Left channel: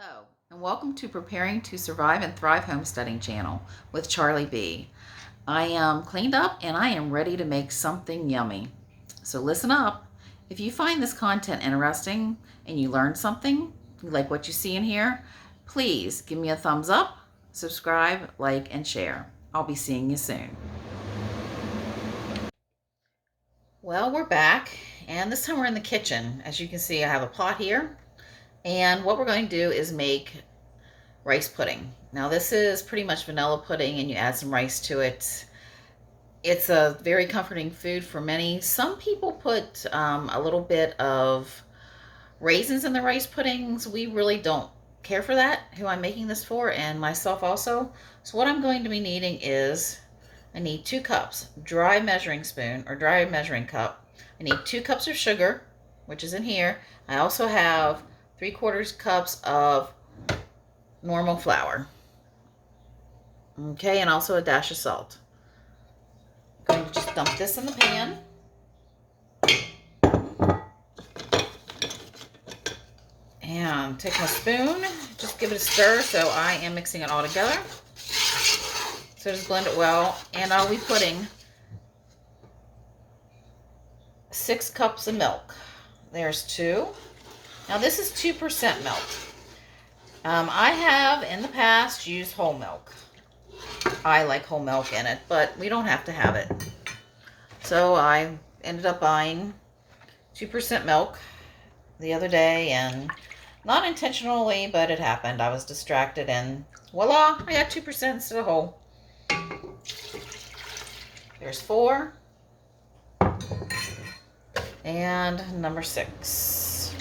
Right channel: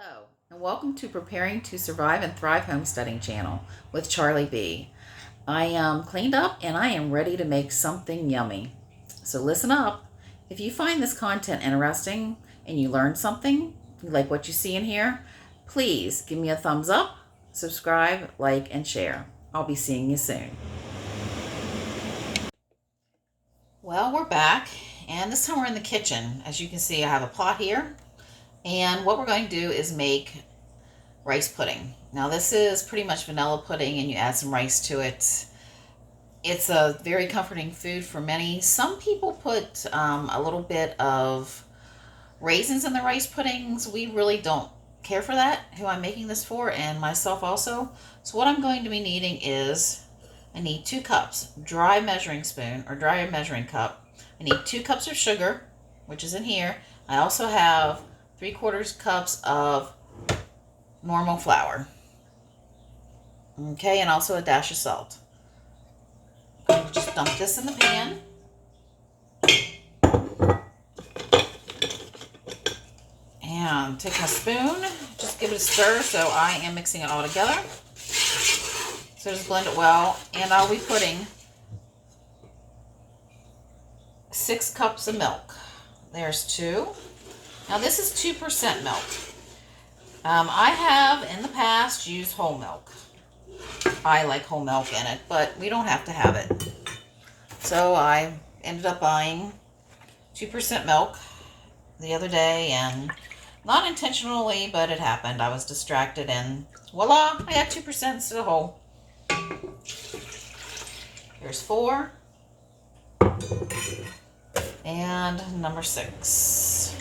Hello, and welcome to Preparing to Survive and Thrive Homesteading channel with Charlie B. I am cleaned up and I am ready to make something yummy. So listen up. If you find this content interesting and you learn something, like what you see in here, please give me a thumbs up, subscribe, like, and share. I'll be seeing you soon. Well, we're back, and this time we're in the kitchen. As you can see, I have a pot here. And what we're going to do is make rice pudding. Now this is pretty much vanilla pudding and you add some rice to it. It's a very comforting food for many. Some people put a little bit of raisins in the rice puddings. We really don't care for that, who I'm making this for, and myself also. So what I'm going to be needing is, I need 2 cups, dry measuring spoon or dry measuring cup. I need 2 cups of sugar, which is in here. I also have 3/4 cups of normal flour. Okay, and also a dash of salt. I'm going to just dump this in the pan. And take my spoon, just give it a stir, so I am mixing it all together. So just blend it well, and I'll be putting 6 cups of milk. There's 2. Now this is 2% milk. I have in the past used whole milk. I like whole milk in it, but we don't have to have it. So I ended up buying 2% milk the other day, and not intentionally, but it happened. I was distracted and voila, I got 2% instead of whole. There's 4. And number 6.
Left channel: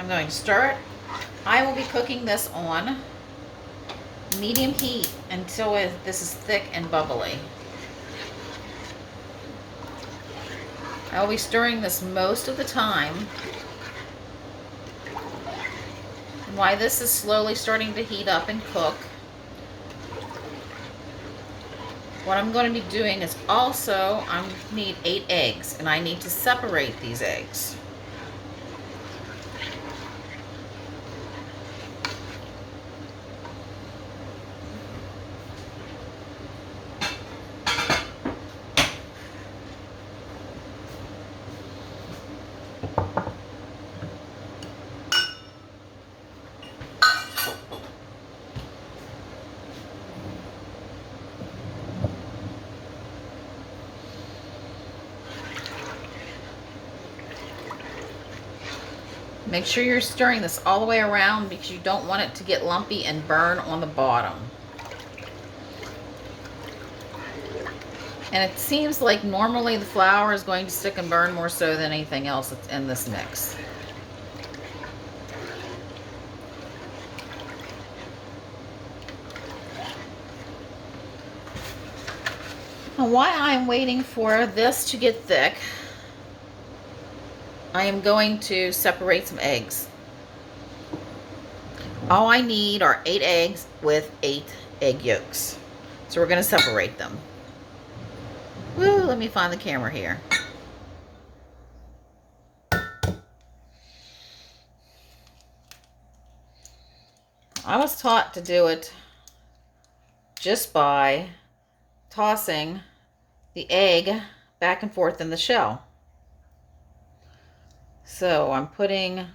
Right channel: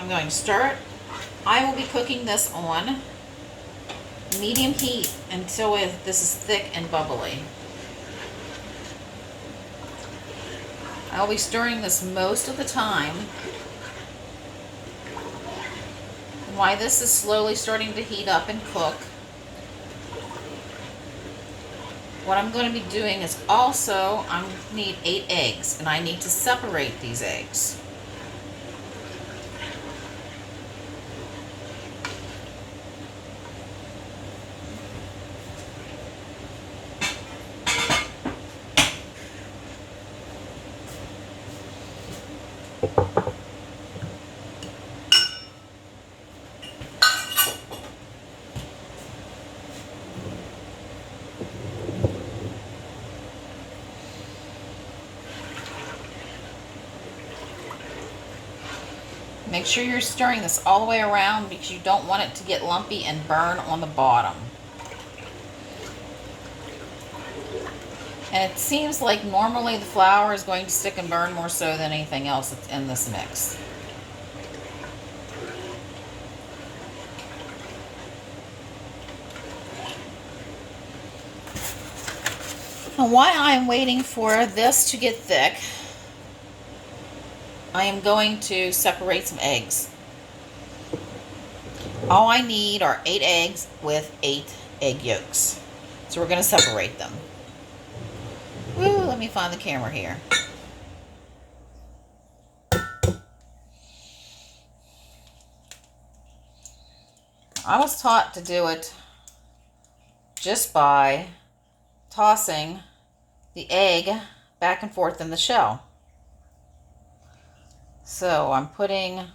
I'm going to stir it. I will be cooking this on medium heat until this is thick and bubbly. I'll be stirring this most of the time. And while this is slowly starting to heat up and cook, what I'm going to be doing is also, I need 8 eggs, and I need to separate these eggs. Make sure you're stirring this all the way around because you don't want it to get lumpy and burn on the bottom. And it seems like normally the flour is going to stick and burn more so than anything else that's in this mix. And while I'm waiting for this to get thick, I am going to separate some eggs. All I need are 8 eggs with 8 egg yolks. So we're going to separate them. Woo, let me find the camera here. I was taught to do it just by tossing the egg back and forth in the shell. So I'm putting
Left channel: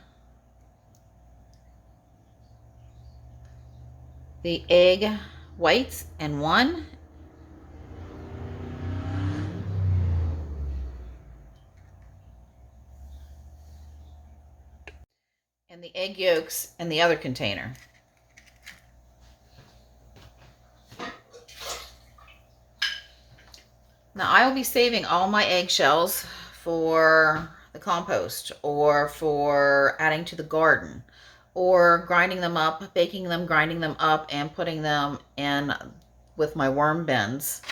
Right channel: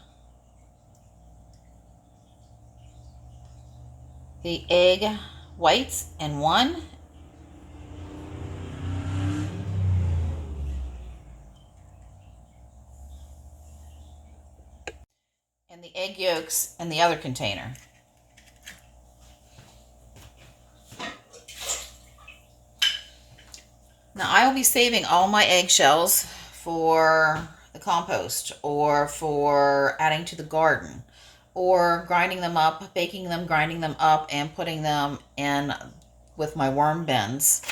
the egg whites in one, and the egg yolks in the other container. Now I will be saving all my eggshells for the compost or for adding to the garden or grinding them up, baking them, grinding them up, and putting them in with my worm bins.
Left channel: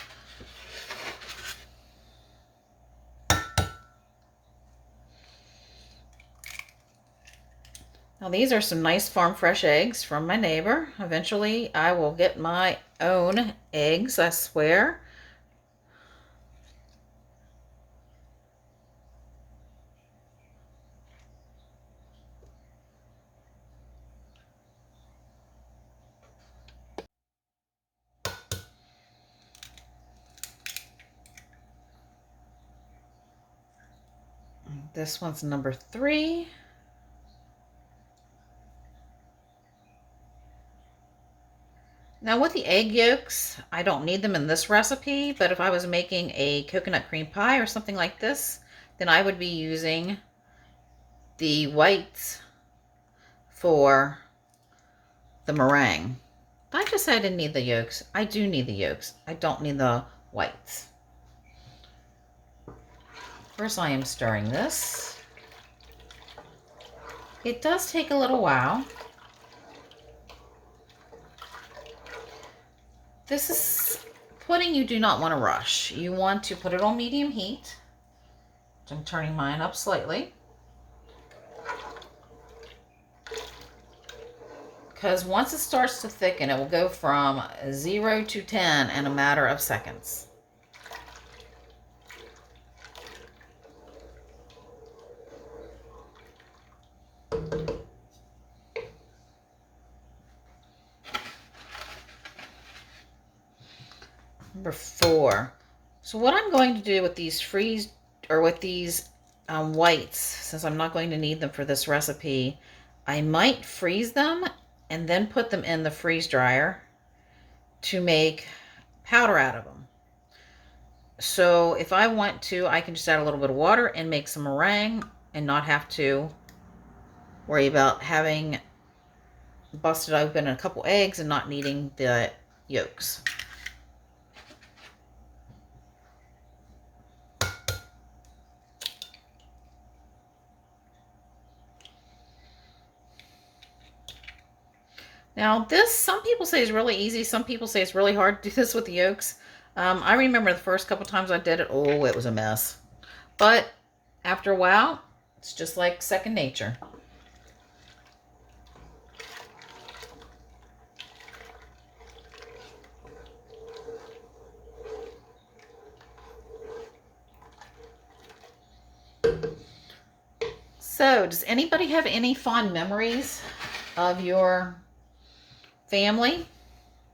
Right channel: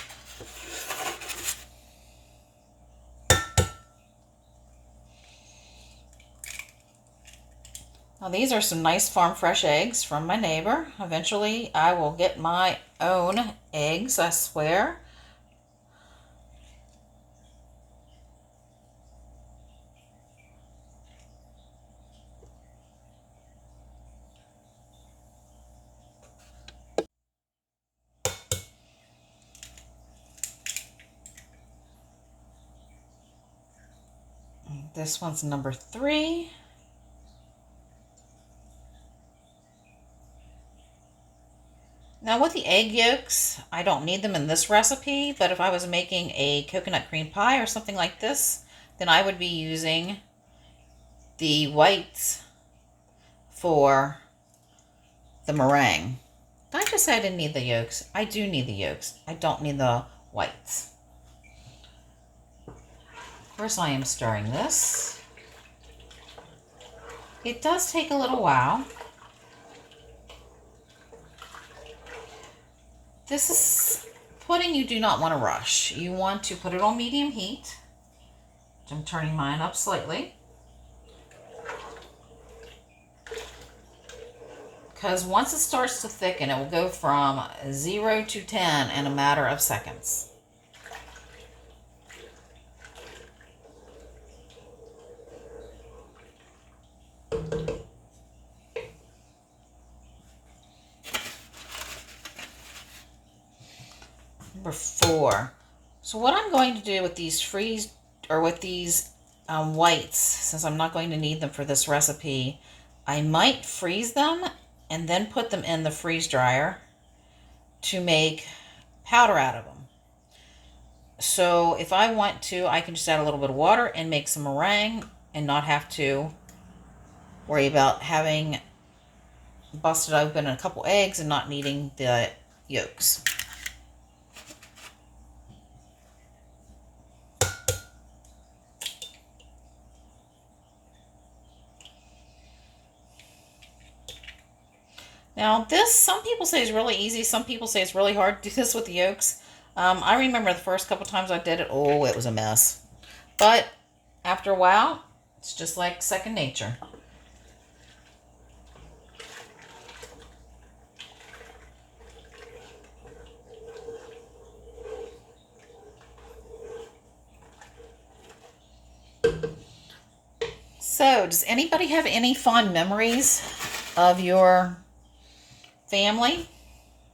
Now these are some nice farm fresh eggs from my neighbor. Eventually I will get my own eggs, I swear. This one's number 3. Now with the egg yolks, I don't need them in this recipe, but if I was making a coconut cream pie or something like this, then I would be using the whites for the meringue. Did I just say I didn't need the yolks? I do need the yolks. I don't need the whites. Of course I am stirring this. It does take a little while. This is pudding you do not want to rush. You want to put it on medium heat. I'm turning mine up slightly. Because once it starts to thicken, it will go from 0 to 10 in a matter of seconds. Number 4. So what I'm going to do with these whites, since I'm not going to need them for this recipe, I might freeze them and then put them in the freeze dryer to make powder out of them. So if I want to, I can just add a little bit of water and make some meringue and not have to worry about having busted open a couple eggs and not needing the yolks. Now this, some people say is really easy. Some people say it's really hard to do this with the yolks. I remember the first couple times I did it, oh, it was a mess. But after a while, it's just like second nature. So, does anybody have any fond memories of your family,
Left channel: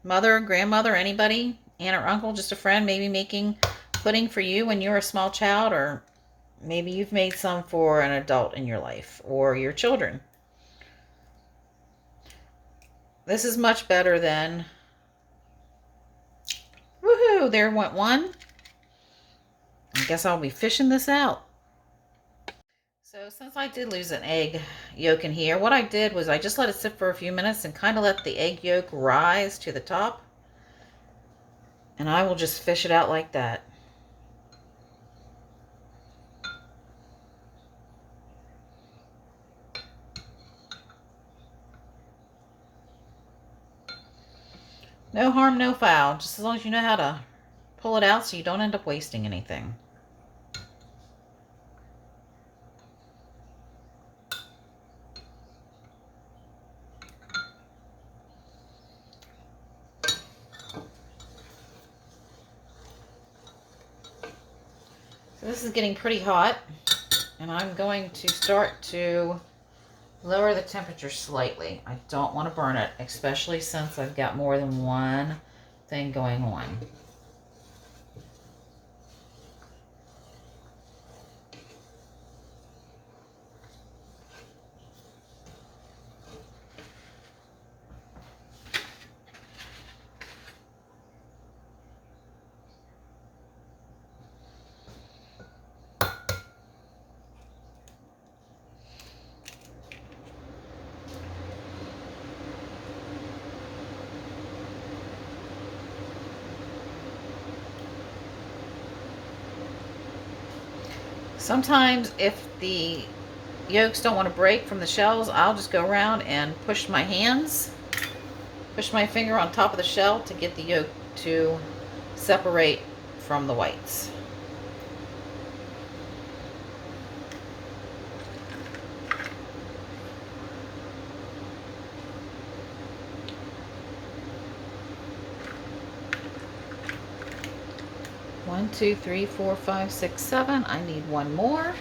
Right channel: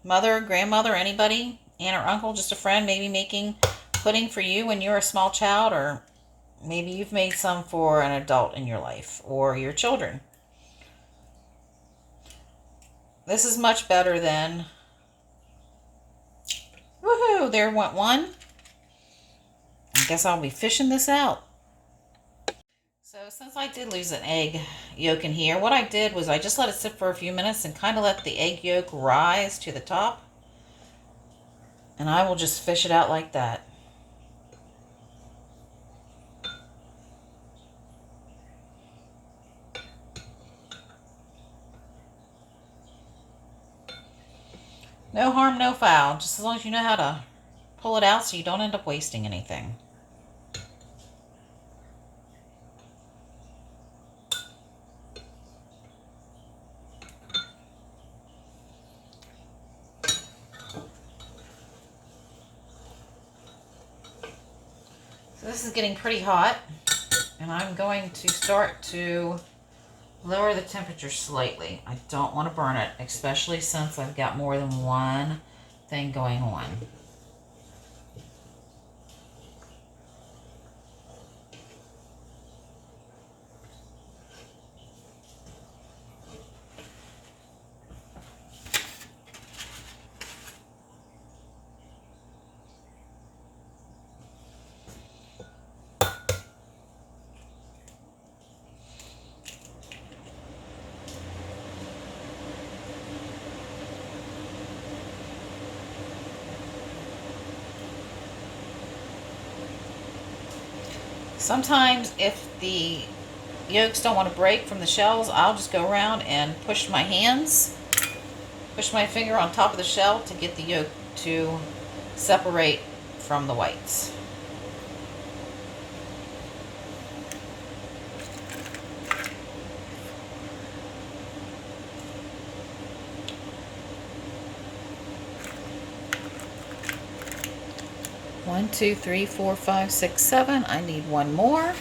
mother, grandmother, anybody, aunt or uncle, just a friend, maybe making pudding for you when you were a small child, or maybe you've made some for an adult in your life or your children? This is much better than, woohoo, there went one. I guess I'll be fishing this out. So since I did lose an egg yolk in here, what I did was I just let it sit for a few minutes and kind of let the egg yolk rise to the top. And I will just fish it out like that. No harm, no foul, just as long as you know how to pull it out so you don't end up wasting anything. So this is getting pretty hot, and I'm going to start to lower the temperature slightly. I don't want to burn it, especially since I've got more than one thing going on. Sometimes if the yolks don't want to break from the shells, I'll just go around and push my finger on top of the shell to get the yolk to separate from the whites. 1, 2, 3, 4, 5, 6, 7. I need one more.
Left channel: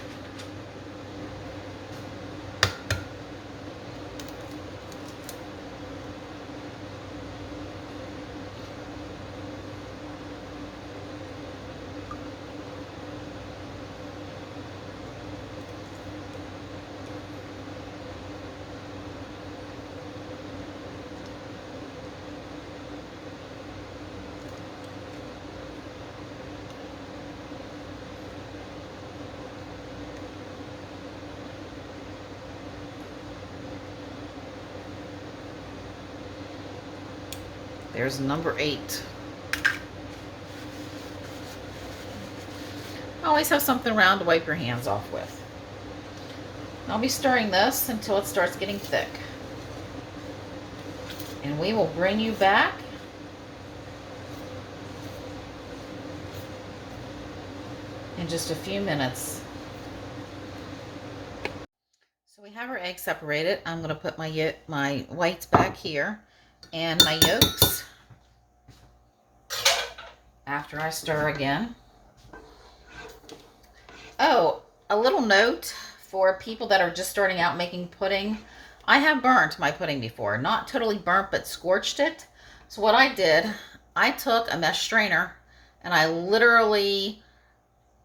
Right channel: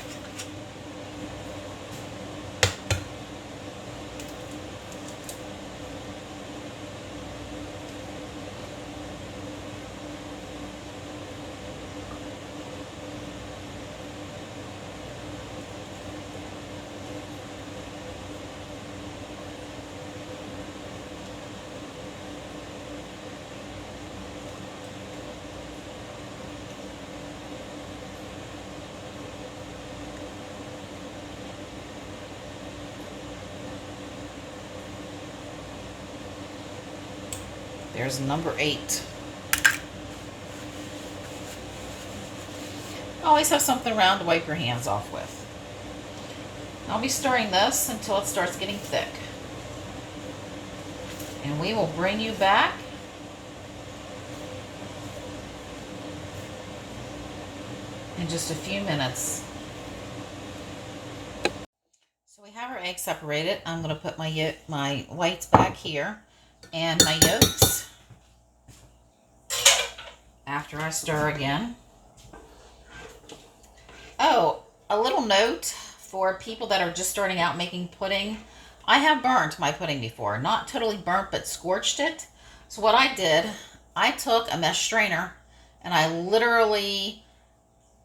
There's number 8. Always have something around to wipe your hands off with. I'll be stirring this until it starts getting thick. And we will bring you back in just a few minutes. So we have our eggs separated. I'm going to put my whites back here and my yolks after I stir again. Oh, a little note for people that are just starting out making pudding. I have burnt my pudding before. Not totally burnt, but scorched it. So what I did, I took a mesh strainer and I literally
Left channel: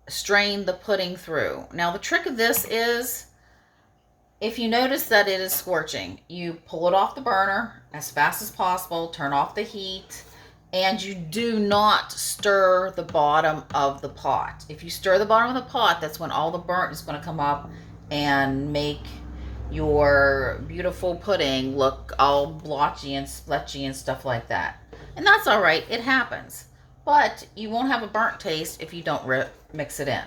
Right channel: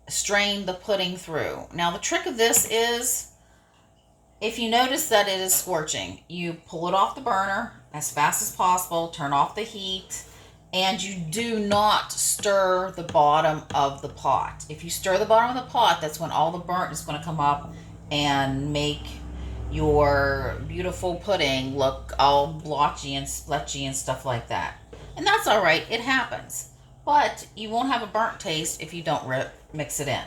strained the pudding through. Now the trick of this is, if you notice that it is scorching, you pull it off the burner as fast as possible, turn off the heat, and you do not stir the bottom of the pot. If you stir the bottom of the pot, that's when all the burnt is going to come up and make your beautiful pudding look all blotchy and spletchy and stuff like that. And that's all right, it happens. But you won't have a burnt taste if you don't mix it in.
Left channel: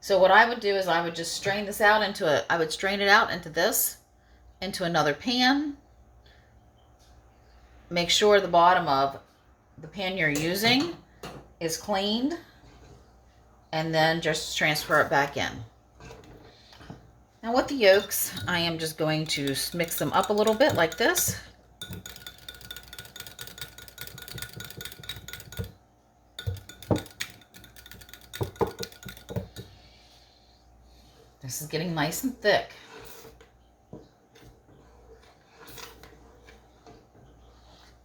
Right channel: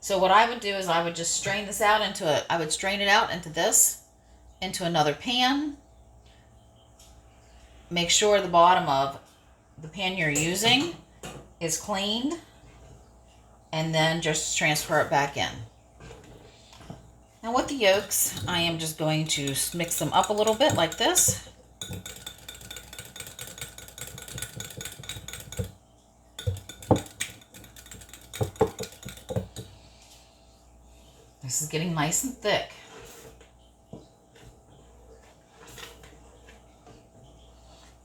So what I would do is I would just strain this out I would strain it out into another pan. Make sure the bottom of the pan you're using is cleaned, and then just transfer it back in. Now with the yolks, I am just going to mix them up a little bit like this. This is getting nice and thick.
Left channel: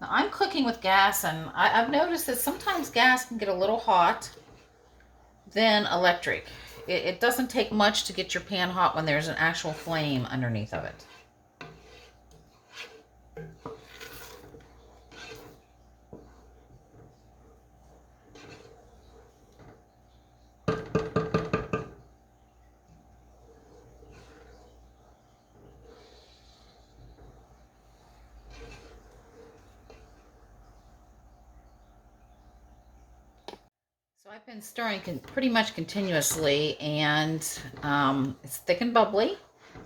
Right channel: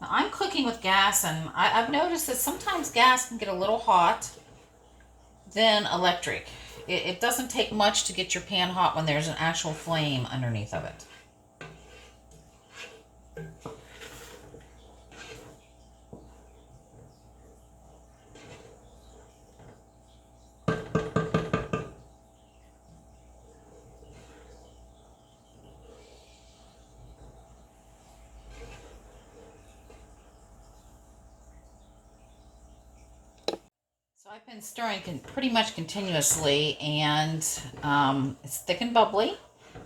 Now I'm cooking with gas, and I've noticed that sometimes gas can get a little hot than electric. It doesn't take much to get your pan hot when there's an actual flame underneath of it. So I've been stirring pretty much continuously, and it's thick and bubbly.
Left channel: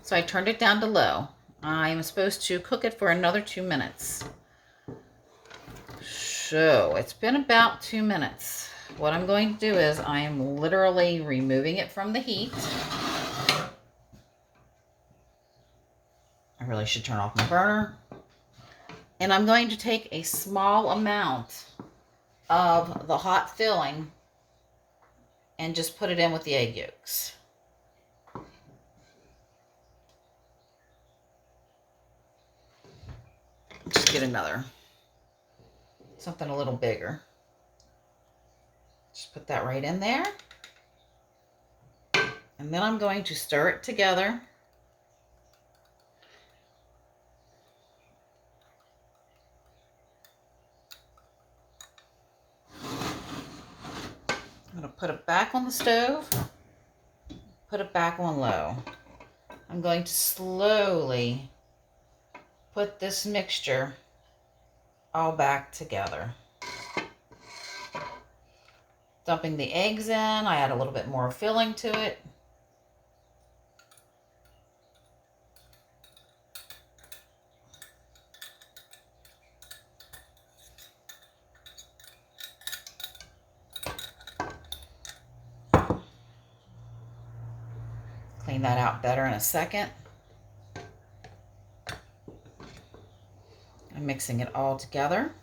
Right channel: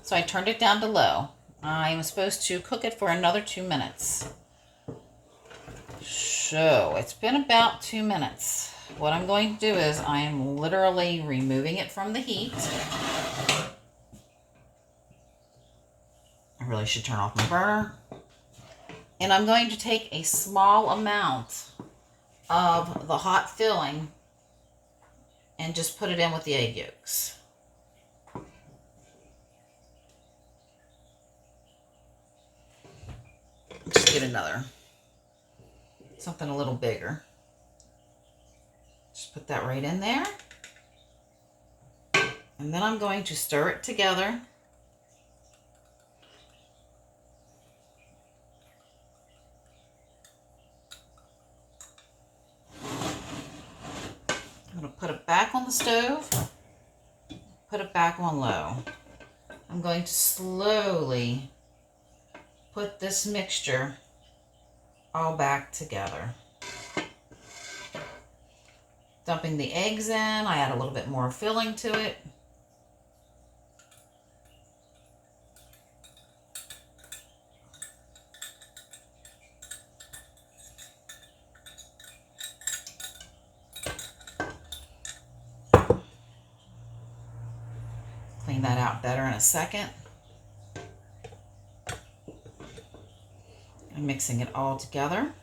So I turned it down to low. I'm supposed to cook it for another 2 minutes. So it's been about 2 minutes. What I'm going to do is I am literally removing it from the heat. I really should turn off my burner. And I'm going to take a small amount of the hot filling and just put it in with the egg yolks. Just get something a little bigger. Just put that right in there. And then I'm going to stir it together. I'm going to put it back on the stove, put it back on low. I'm going to slowly put this mixture all back together. Dumping the eggs in, I add a little bit more filling to it. Clean that out better in a second. I'm mixing it all together.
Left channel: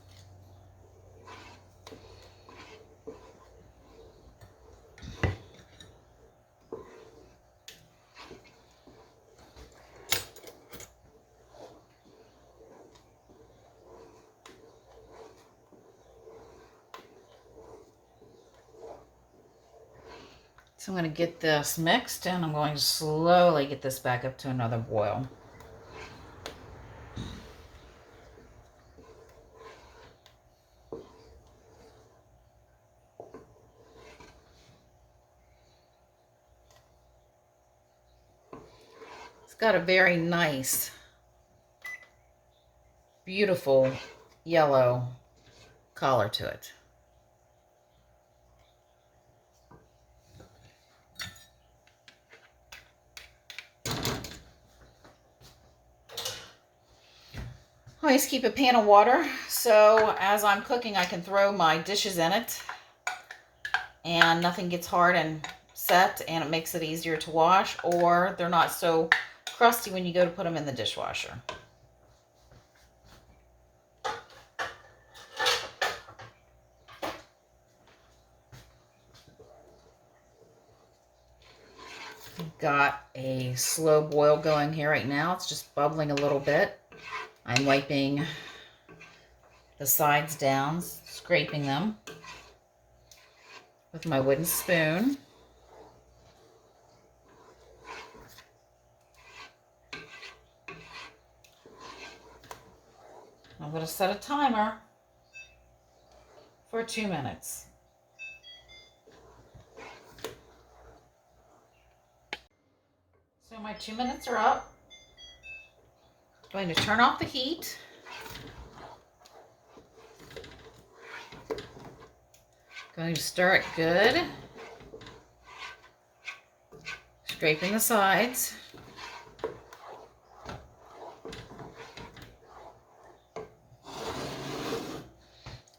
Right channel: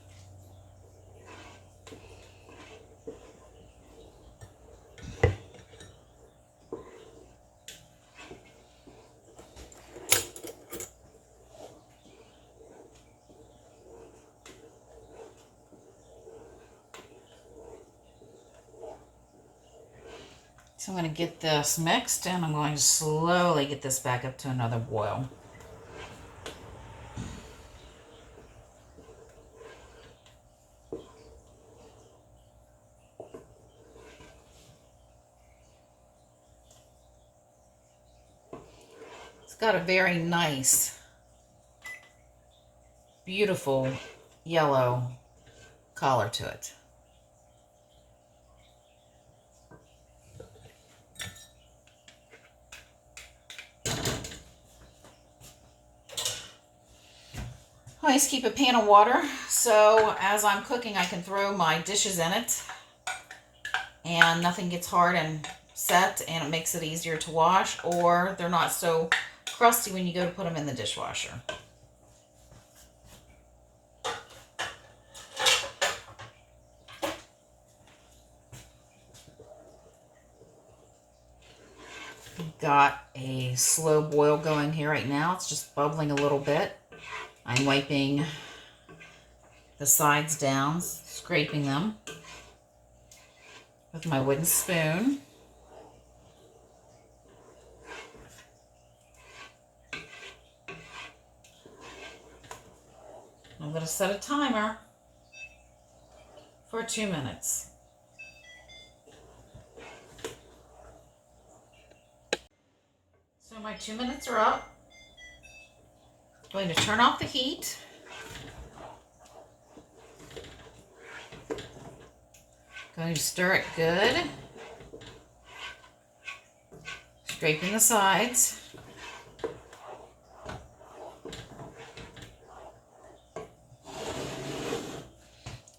So I'm going to get this mixed, and I'm going to slowly get this back up to another boil. It's got a very nice, beautiful yellow color to it. I always keep a pan of water, so as I'm cooking I can throw my dishes in it and nothing gets hard and set, and it makes it easier to wash, or they're not so crusty when you go to put them in the dishwasher. Got a slow boil going here right now. It's just bubbling a little bit. I'm wiping the sides down, scraping them with my wooden spoon. I'm going to set a timer for 2 minutes. So my 2 minutes are up. I'm going to turn off the heat. Going to stir it good. Scraping the sides.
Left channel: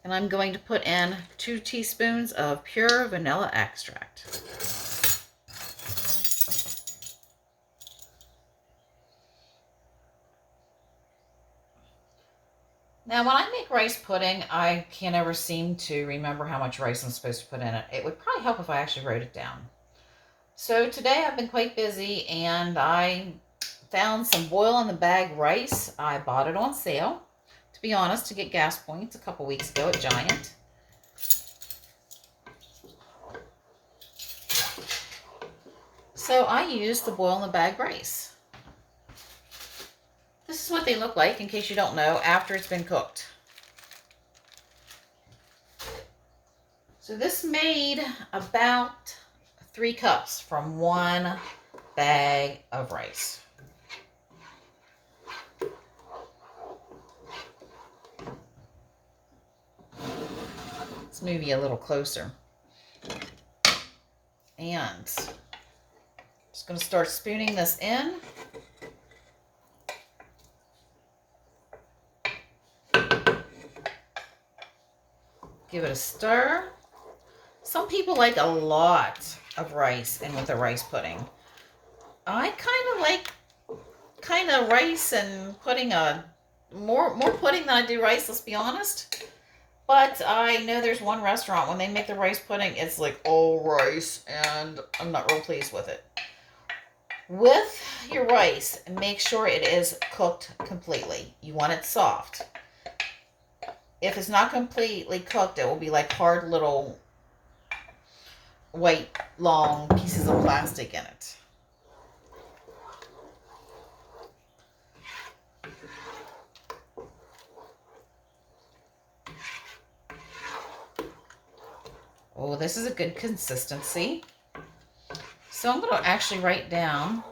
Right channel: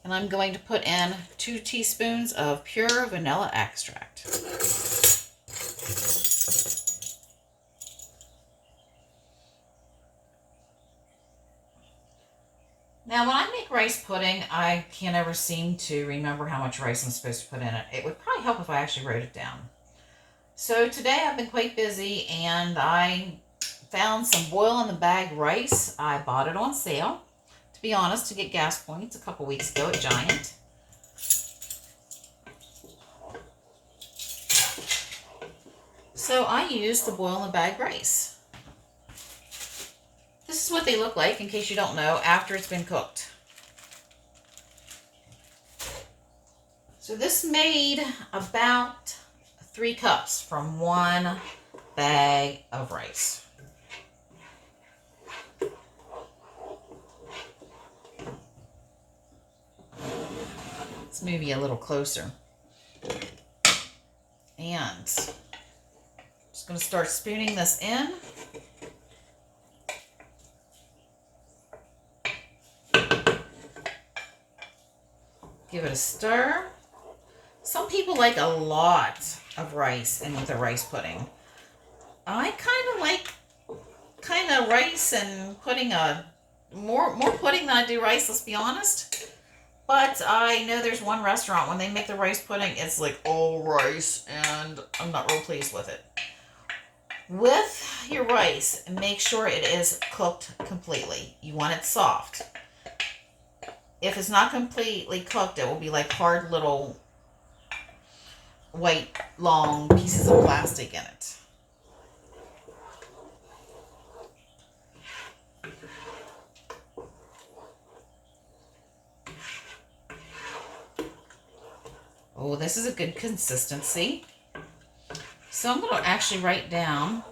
And I'm going to put in 2 teaspoons of pure vanilla extract. Now, when I make rice pudding, I can't ever seem to remember how much rice I'm supposed to put in it. It would probably help if I actually wrote it down. So today I've been quite busy, and I found some boil-in-the-bag rice. I bought it on sale, to be honest, to get gas points a couple weeks ago at Giant. So I used the boil-in-the-bag rice. This is what they look like, in case you don't know, after it's been cooked. So this made about 3 cups from 1 bag of rice. Let's move you a little closer. And I'm just going to start spooning this in. Give it a stir. Some people like a lot of rice in with a rice pudding. I like rice and pudding, more pudding than I do rice, let's be honest. But I know there's one restaurant, when they make the rice pudding, it's like all rice, and I'm not real pleased with it. With your rice, make sure it is cooked completely. You want it soft. If it's not completely cooked, it will be like hard little white long pieces of plastic in it. Oh, this is a good consistency. So I'm going to actually write down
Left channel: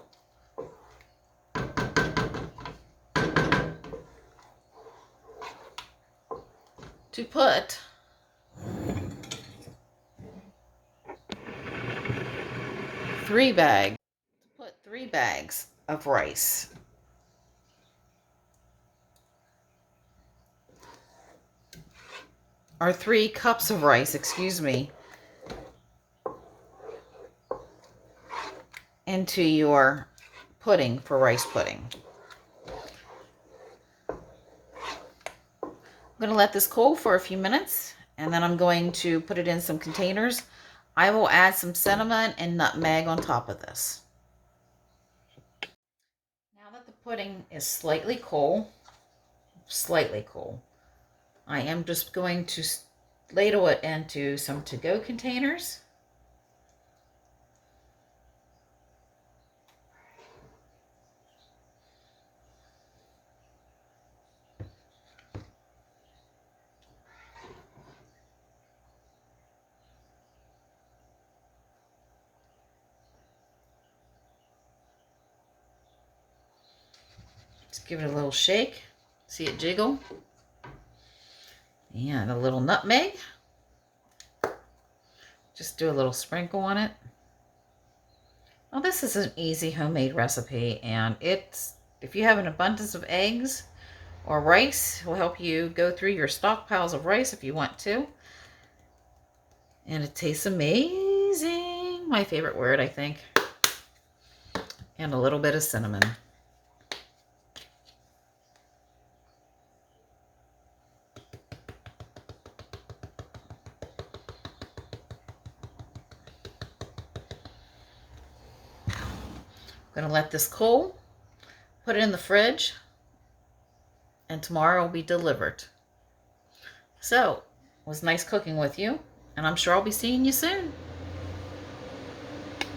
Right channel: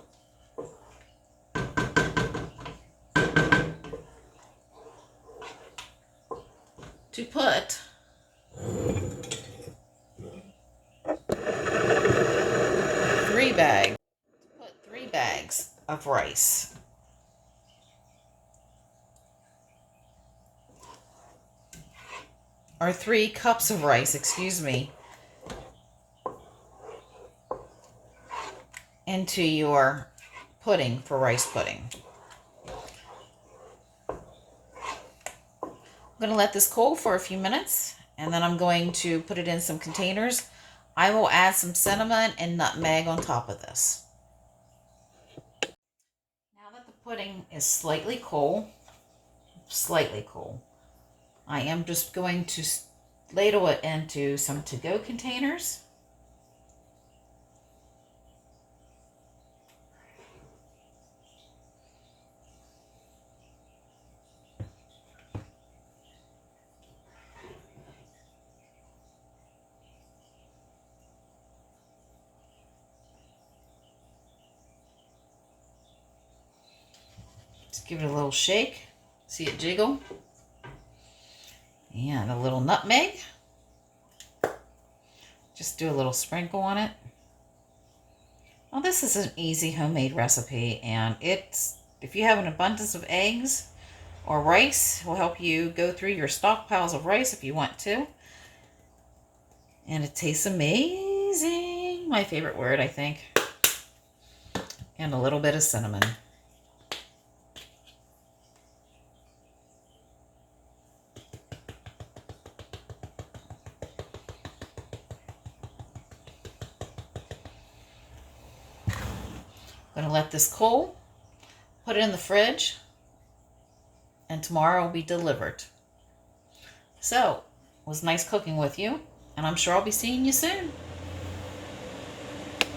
to put 3 bags. Put 3 bags of rice. Or 3 cups of rice, excuse me, into your pudding for rice pudding. I'm going to let this cool for a few minutes, and then I'm going to put it in some containers. I will add some cinnamon and nutmeg on top of this. Now that the pudding is slightly cool, I am just going to ladle it into some to-go containers. Just give it a little shake. See it jiggle. And a little nutmeg. Just do a little sprinkle on it. Well, this is an easy homemade recipe, and if you have an abundance of eggs or rice, it will help you go through your stockpiles of rice if you want to. And it tastes amazing. My favorite word, I think. And a little bit of cinnamon. I'm going to let this cool, put it in the fridge, and tomorrow will be delivered. So, it was nice cooking with you, and I'm sure I'll be seeing you soon.